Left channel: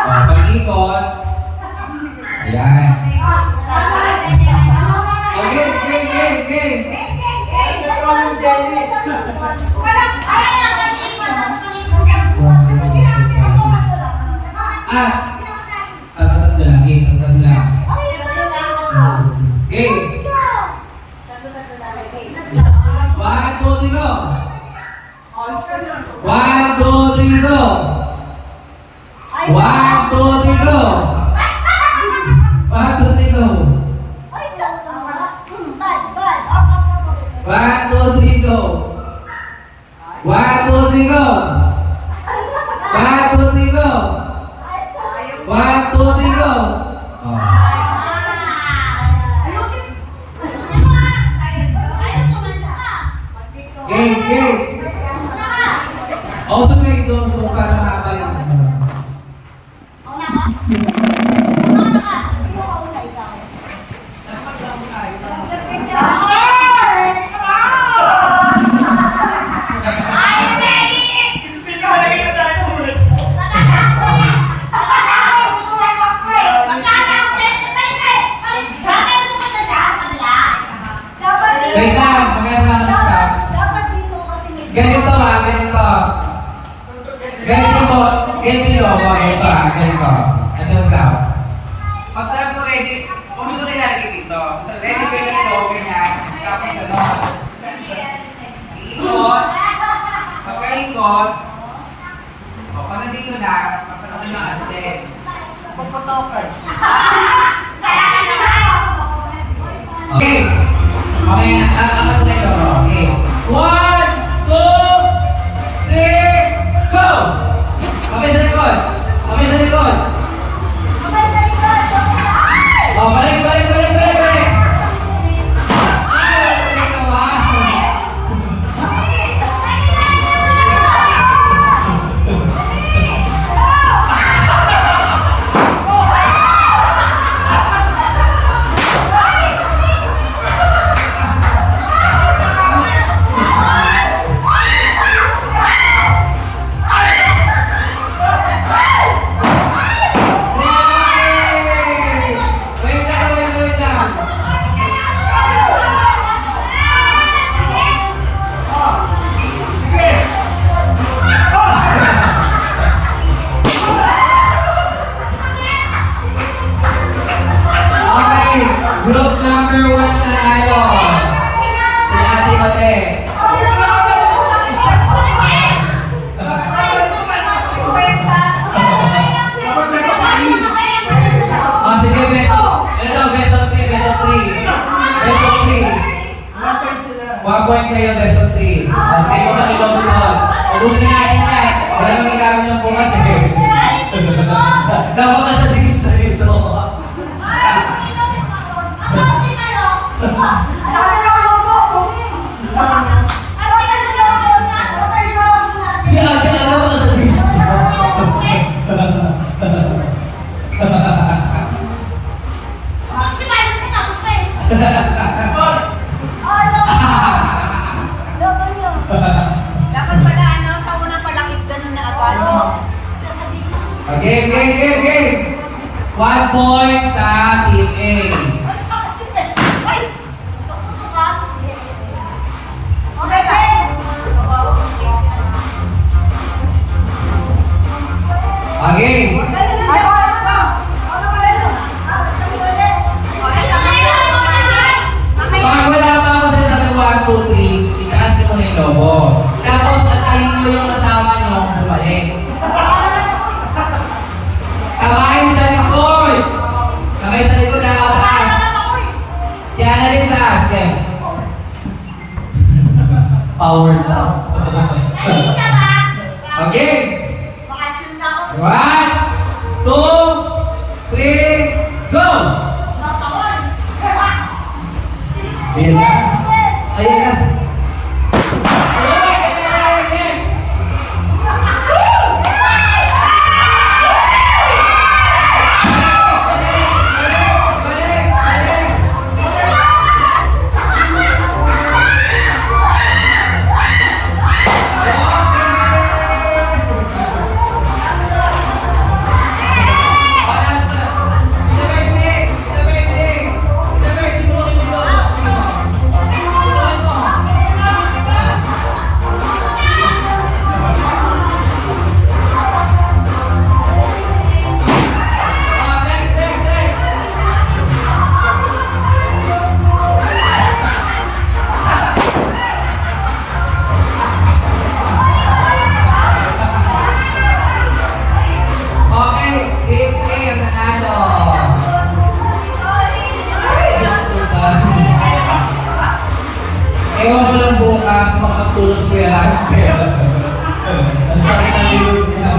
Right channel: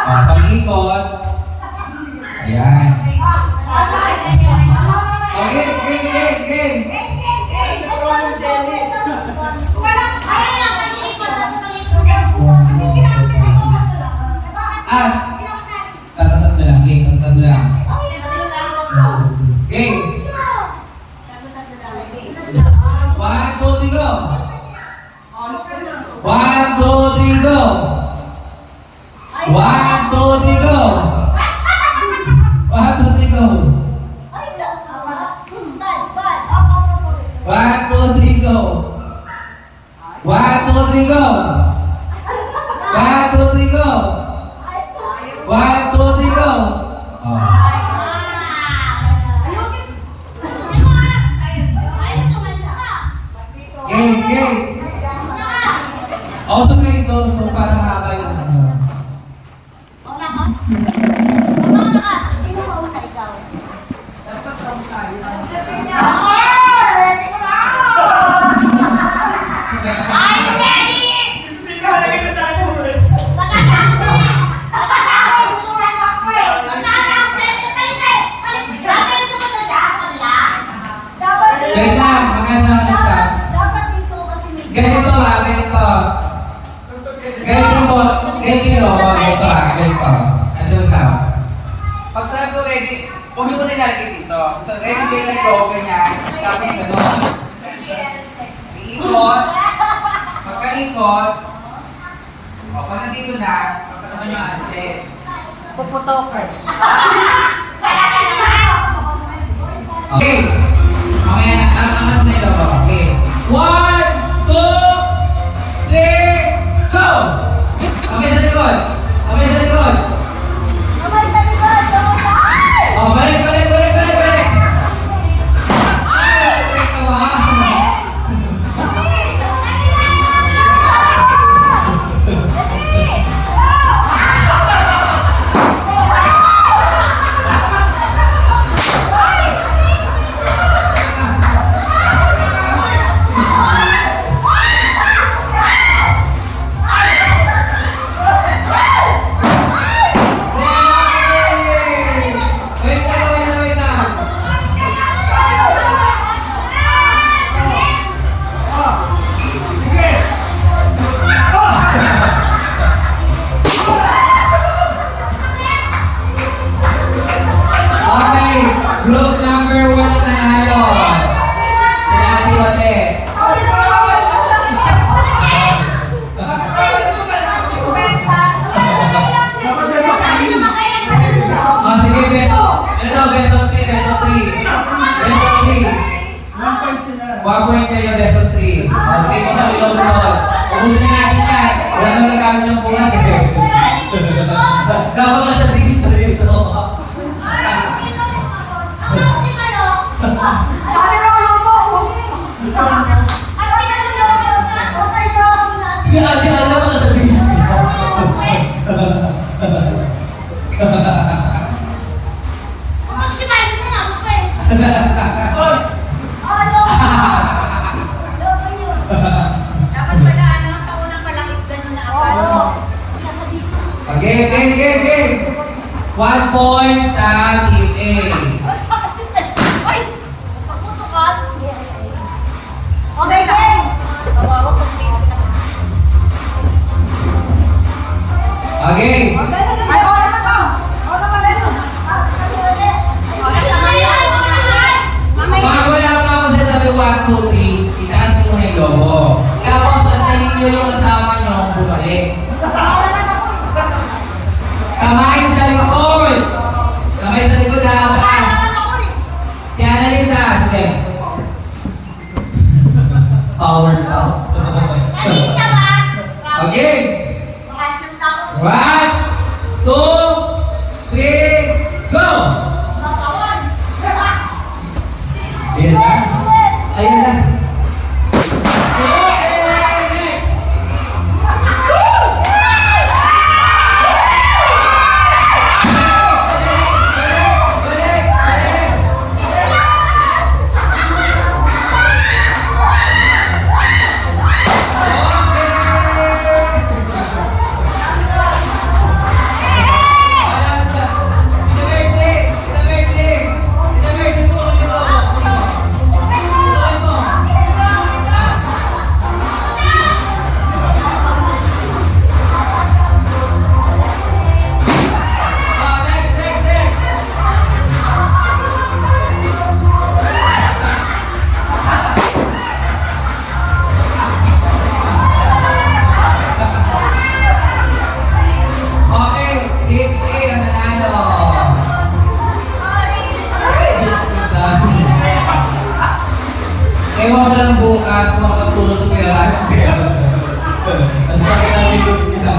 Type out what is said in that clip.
Pag-ikot. Ayan. Game, game, game, game. Tatlo lang, game, tatlo lang. Game. 1, 2, 3, go. 1, 2, 3, go. 1, 2, 3, go. 1, 2, 3, go. 1, 2, 3, go. 1, 2, 3, go. 1, 2, 3, go. 1, 2, 3, go. Oh. Game, game. Also play those so para mahaba yung ano. Wait lang, maganda natin sa ganito ba, ganito. Ganito mo, ganito Ano ba? Pag sabi ko ready, huwag ito nilalagay dito. Ready kayo na ito, ganyan. Tapos gano'n. Iikot. Pagkaikot. O, pag nandito na, pagkakami mo ansin. Puputokan. Okay. Mamaya na, ano na ito? Okay. 1, 2, 3, go! Kamay sa likod. Kamay sa likod. Oh, balik, balik, balik, balik, balik. Balik ka ba? Group number 1 na nanalo. Sila Ate Ote. Oh, sige, best of 3, best of 3. Best of 3. 1 point kayo, best of 3. Oh, sige, kapag doon. Ubusin na natin yan. Wala nang gagamit yung bukas eh. Dapat ka sa list na dito. Si Ate, alam mo ka sa list. Game. 1 point sa Team A. Okay. Pag wala pa ako sinasabi 1, 2, 3, itaas mo yung lobo. Tapos, nagkayin nyo yung kasama nyo bumalik. Kamay sa likod. Kamay sa likod na taas. Kaya nalintas. Power now. Okay. 1, 2, 3, go! Ayan na. Ayan na. Ewan ko lang bukas kung makatulong sa Kuya Ramper. Ang sakit ng ilog niya.